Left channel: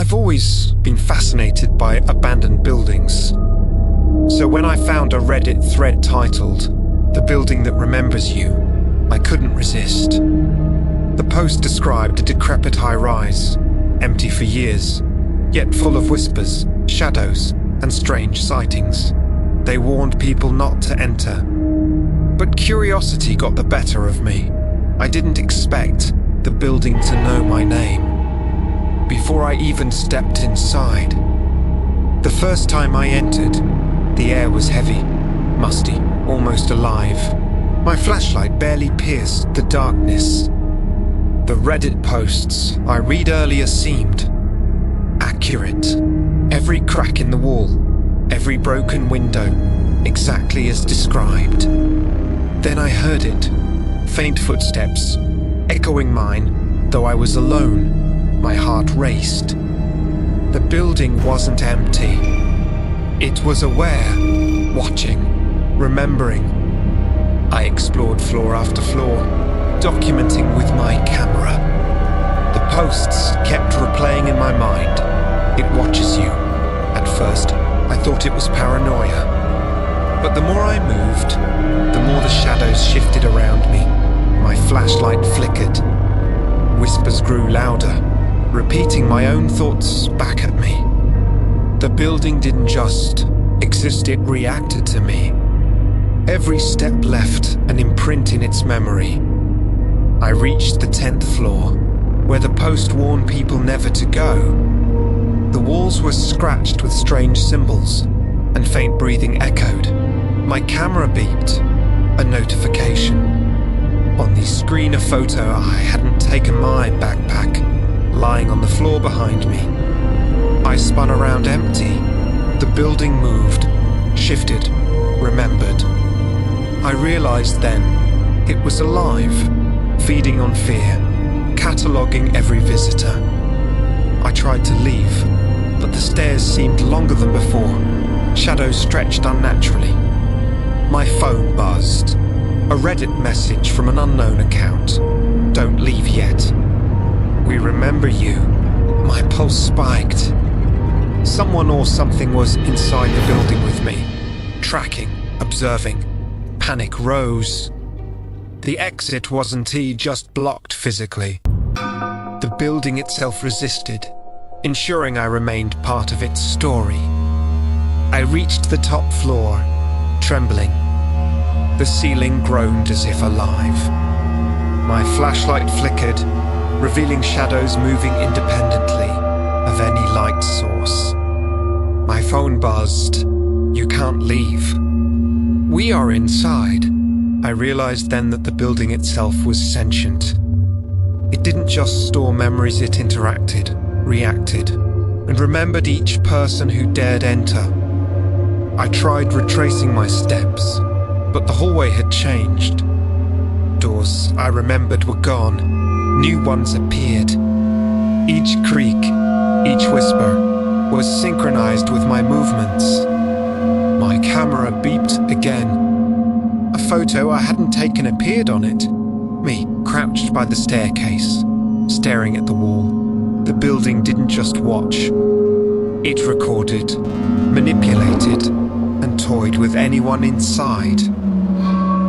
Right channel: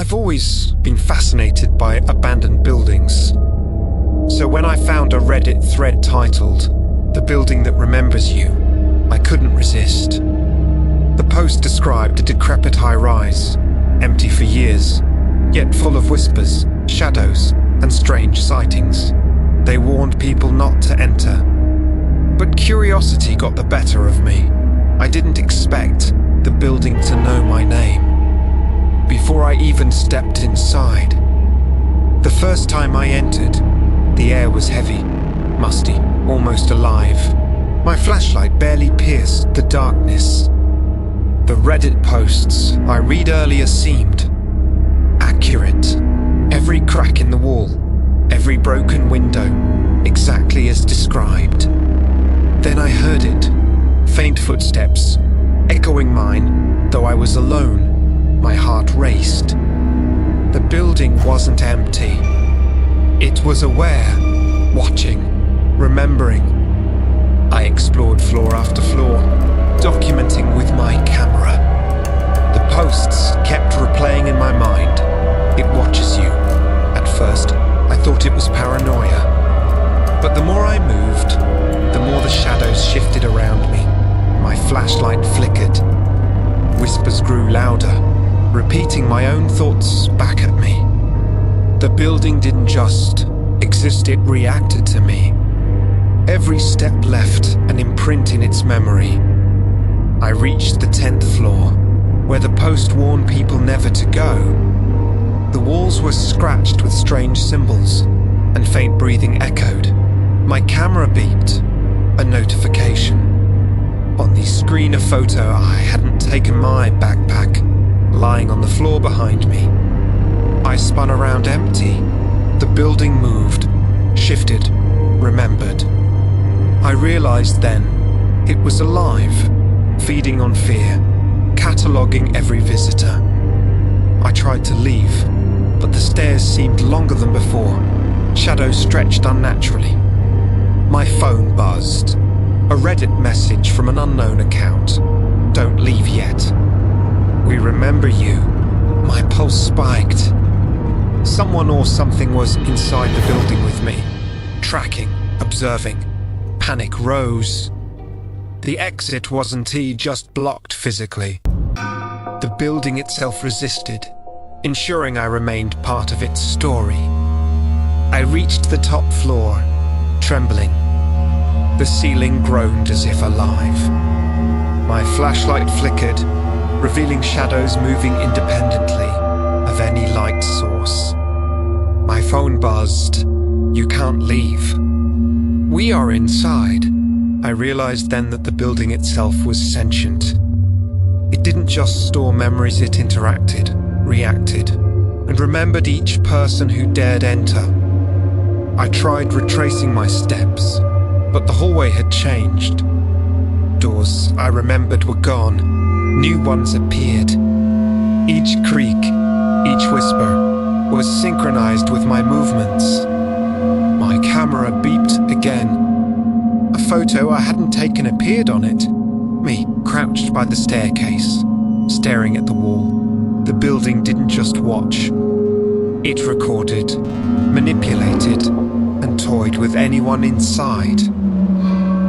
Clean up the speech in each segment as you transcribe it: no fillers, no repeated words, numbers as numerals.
I've always been fascinated by abandoned buildings. So when I found a Reddit thread titled, "The Building That Remembers You," I couldn't resist. The post described a decrepit high-rise, empty for years, yet full of whispers, shadows, and strange sightings. They warned people not to enter. But curiosity got the better of me. I didn't expect the building to know my name. Before I even stepped inside, the first time I entered, the air was heavy, musty, almost alive. My flashlight barely pierced the darkness. The Reddit posts I read earlier seemed accurate. Every crack in the wall, every broken window, exactly as described. Then I heard it, faint footsteps, echoing mine, though I was alone. My heart raced. The building wasn't empty. It was aware, watching, remembering. I explored floor after floor, documenting with my camera. The posts kept replaying in my mind. It watches you. At first, I thought it was paranoia. But the more I moved, the more the shadows shifted around me. My flashlight flickered. Whispers grew louder, repeating my own thoughts back at me. The building didn't just exist, it reacted to me. Every step left an imprint in its memory. I reached the 10th floor, where the post warned people never to go. The walls were scratched with strange symbols, and faint breathing echoed. My camera beeped, a notification. On the screen, a photo I hadn't taken my backpack, lying on the floor behind me. I spun around empty. The building moved, shifted, remembered. I realized then it was alive, feeding on fear, cataloguing every visitor. I tried to leave, but the stairs seemed longer than before. Shadows stretched unnaturally. My phone buzzed. A Reddit message from an unknown account. "Don't leave yet. We remember you." My pulse spiked. Someone or something was inside the building with me, tracking, observing. Panic rose. The exit wasn't just blocked physically. The building itself resisted, ensuring I remained part of its story. I reached the top floor, trembling. The ceiling groaned as if alive. My flashlight flickered, revealing shadows moving independently of any light source. My phone buzzed. "You can't leave." "We are inside." I realized then that the building itself was sentient. It didn't just store memories, it interacted, reacted, and remembered each person who dared enter. I tried retracing my steps, but the hallway had changed. Doors I remembered were gone. New ones appeared. Each creak, each whisper, was synchronized with my movements. My camera beeped again. A photo I hadn't taken appeared on it. Me, crouched by the staircase, staring at the wall. The building didn't just watch. It recorded, manipulated, and toyed with anyone inside.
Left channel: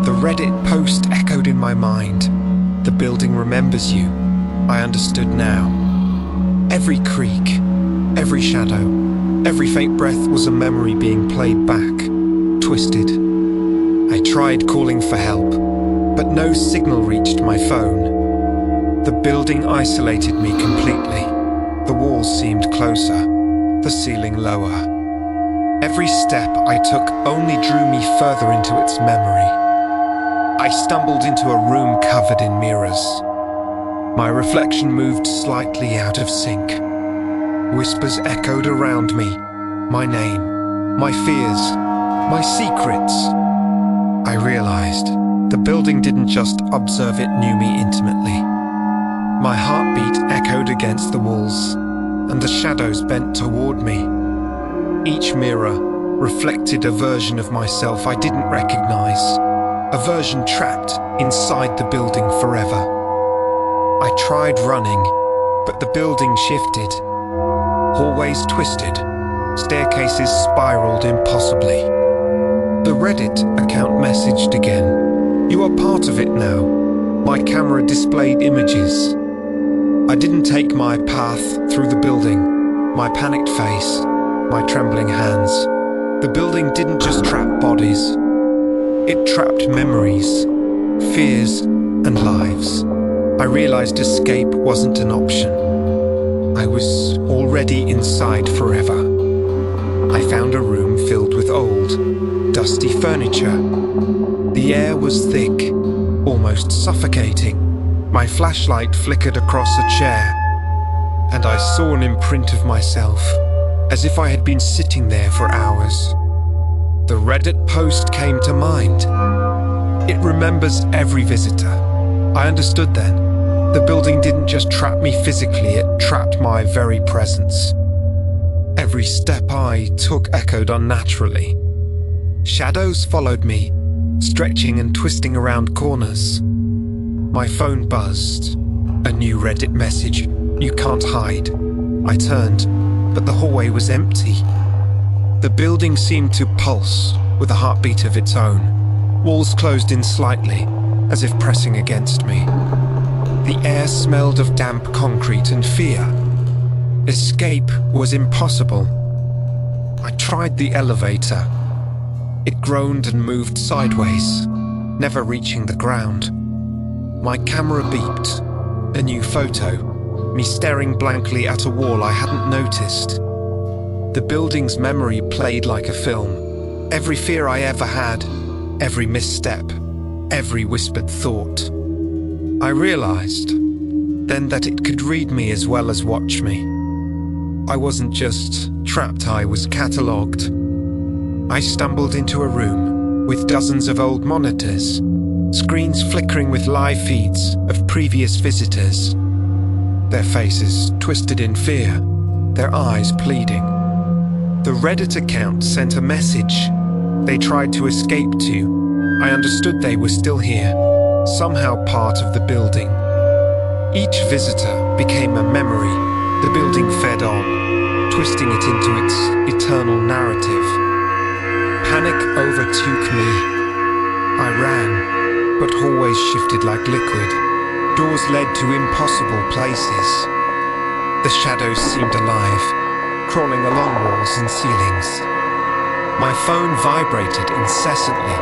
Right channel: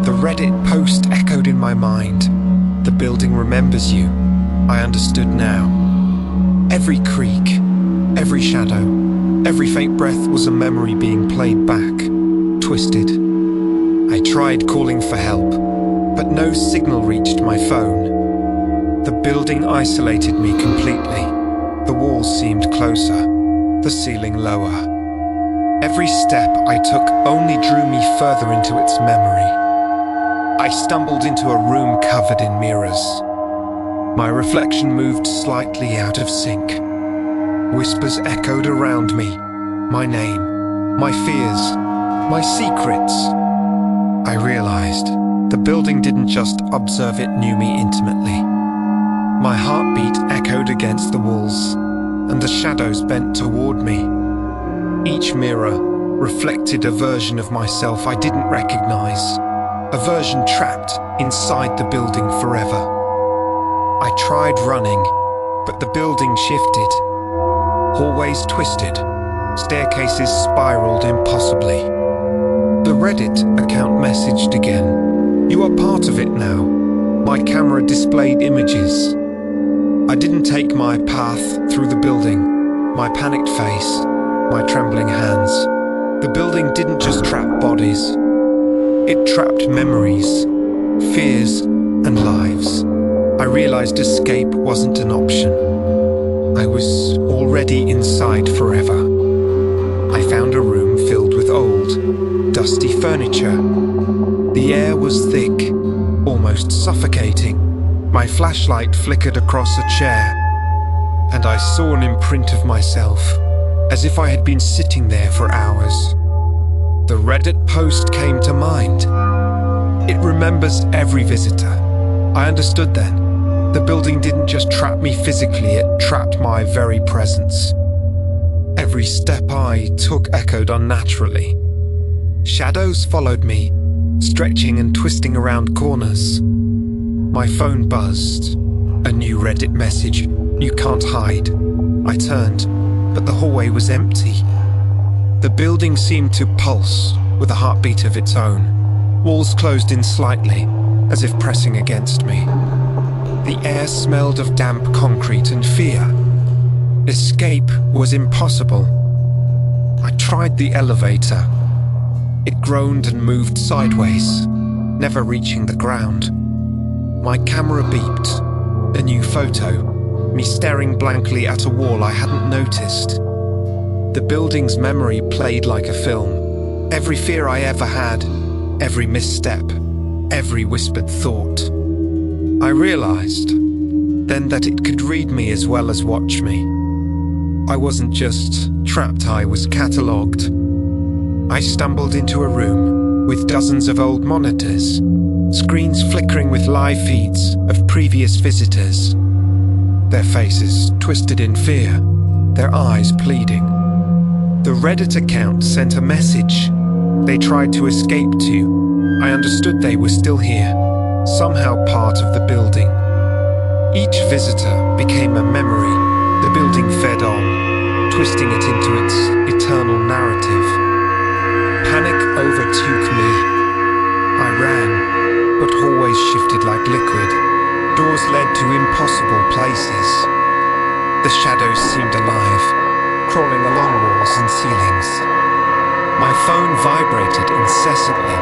The Reddit post echoed in my mind. "The building remembers you." I understood now. Every creak, every shadow, every faint breath was a memory being played back, twisted. I tried calling for help, but no signal reached my phone. The building isolated me completely. The walls seemed closer, the ceiling lower. Every step I took only drew me further into its memory. I stumbled into a room covered in mirrors. My reflection moved slightly out of sync. Whispers echoed around me. My name, my fears, my secrets. I realized the building didn't just observe, it knew me intimately. My heartbeat echoed against the walls, and the shadows bent toward me. Each mirror reflected a version of myself I didn't recognize, a version trapped inside the building forever. I tried running, but the building shifted. Hallways twisted, staircases spiraled impossibly. The Reddit account messaged again. "You are part of it now." My camera displayed images. I didn't take my path through the building, my panicked face, my trembling hands. The building didn't just trap bodies. It trapped memories, fears, and lives. I realized escape wasn't an option. I was already inside forever. I found a room filled with old, dusty furniture. The air was thick, almost suffocating. My flashlight flickered across a chair, and I saw an imprint of myself, as if I had been sitting there for hours. The Reddit post came to mind. It remembers every visitor. I understood then. The building didn't just trap me physically, it trapped my very presence. Every step I took echoed unnaturally. Shadows followed me, stretching and twisting around corners. My phone buzzed. A new Reddit message. "You can't hide." I turned, but the hallway was empty. The building seemed to pulse with a heartbeat of its own. Walls closed in slightly, as if pressing against me. The air smelled of damp concrete and fear. Escape was impossible. I tried the elevator. It groaned and moved sideways, never reaching the ground. My camera beeped. A new photo, me staring blankly at a wall I hadn't noticed. The building's memory played like a film. Every fear I ever had, every misstep, every whispered thought. I realized then that it could read me as well as watch me. I wasn't just trapped, I was catalogued. I stumbled into a room with dozens of old monitors, screens flickering with live feeds of previous visitors. Their faces twisted in fear, their eyes pleading. The Reddit account sent a message they tried to escape to. I understood they were still here, somehow part of the building. Each visitor became a memory. The building fed on, twisting it into its eternal narrative. Panic overtook me. I ran, but hallways shifted like liquid. Doors led to impossible places. The shadows seemed alive, crawling along walls and ceilings. My phone vibrated incessantly,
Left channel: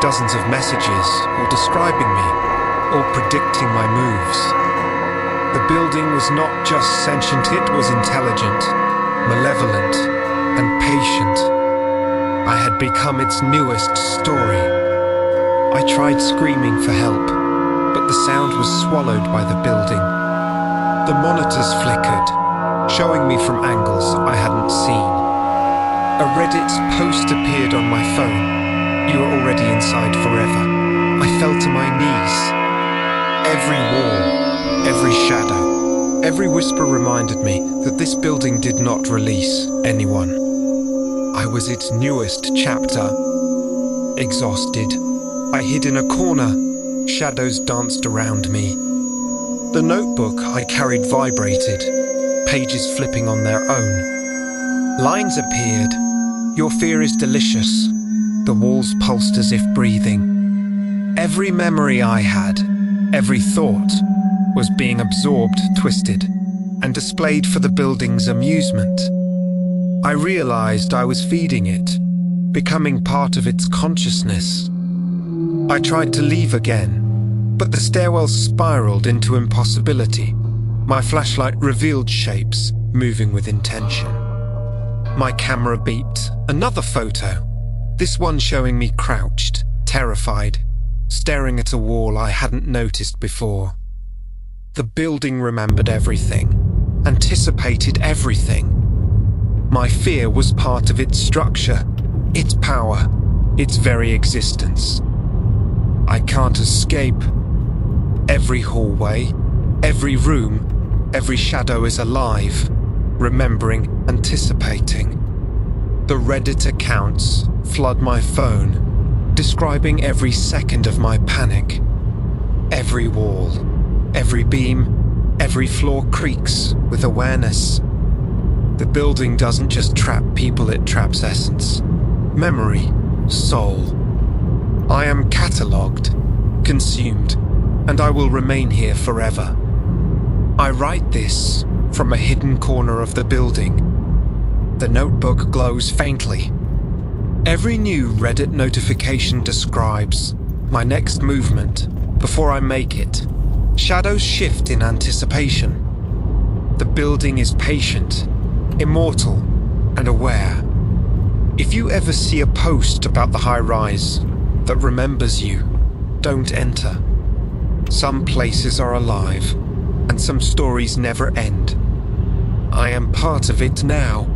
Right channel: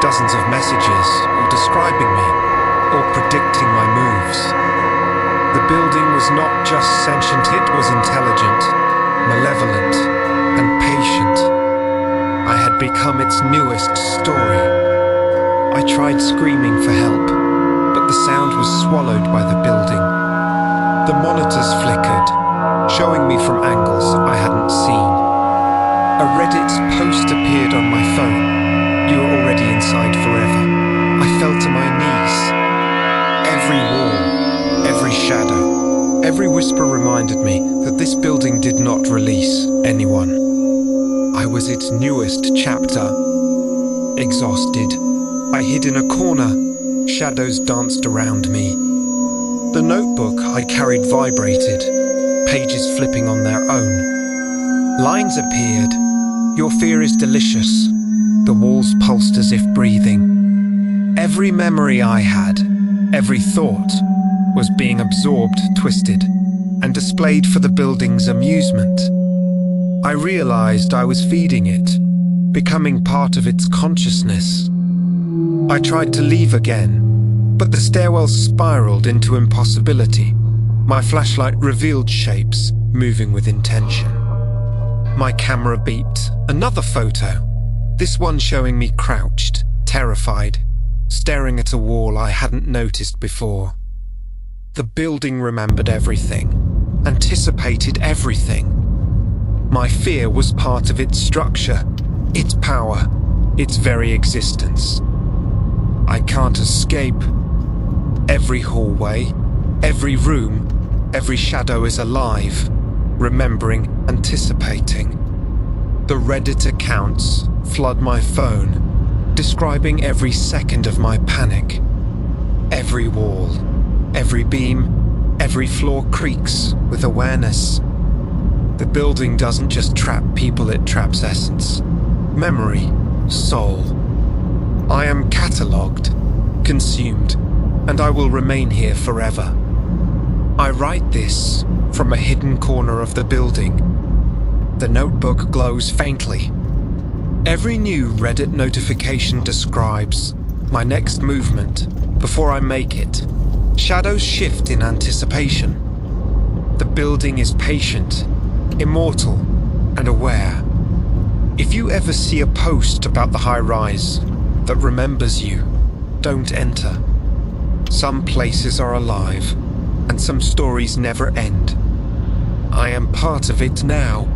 dozens of messages, all describing me, all predicting my moves. The building was not just sentient, it was intelligent, malevolent, and patient. I had become its newest story. I tried screaming for help, but the sound was swallowed by the building. The monitors flickered, showing me from angles I hadn't seen. A Reddit post appeared on my phone. "You are already inside forever." I fell to my knees. Every wall, every shadow, every whisper reminded me that this building did not release anyone. I was its newest chapter. Exhausted, I hid in a corner. Shadows danced around me. The notebook I carried vibrated, pages flipping on their own. Lines appeared. "Your fear is delicious." The walls pulsed as if breathing. Every memory I had, every thought, was being absorbed, twisted, and displayed for the building's amusement. I realized I was feeding it, becoming part of its consciousness. I tried to leave again, but the stairwell spiraled into impossibility. My flashlight revealed shapes moving with intention. My camera beeped. Another photo, this one showing me crouched, terrified, staring at a wall I hadn't noticed before. The building remembered everything, anticipated everything. My fear was part of its structure, its power, its very existence. I can't escape. Every hallway, every room, every shadow is alive, remembering, anticipating. The Reddit accounts flood my phone, describing every second of my panic. Every wall, every beam, every floor creaks with awareness. The building doesn't just trap people, it traps essence, memory, soul. I am catalogued, consumed, and I will remain here forever. I write this from a hidden corner of the building. The notebook glows faintly. Every new Reddit notification describes my next movement before I make it. Shadows shift in anticipation. The building is patient, immortal, and aware. If you ever see a post about the high-rise that remembers you, don't enter. Some places are alive, and some stories never end. I am part of it now,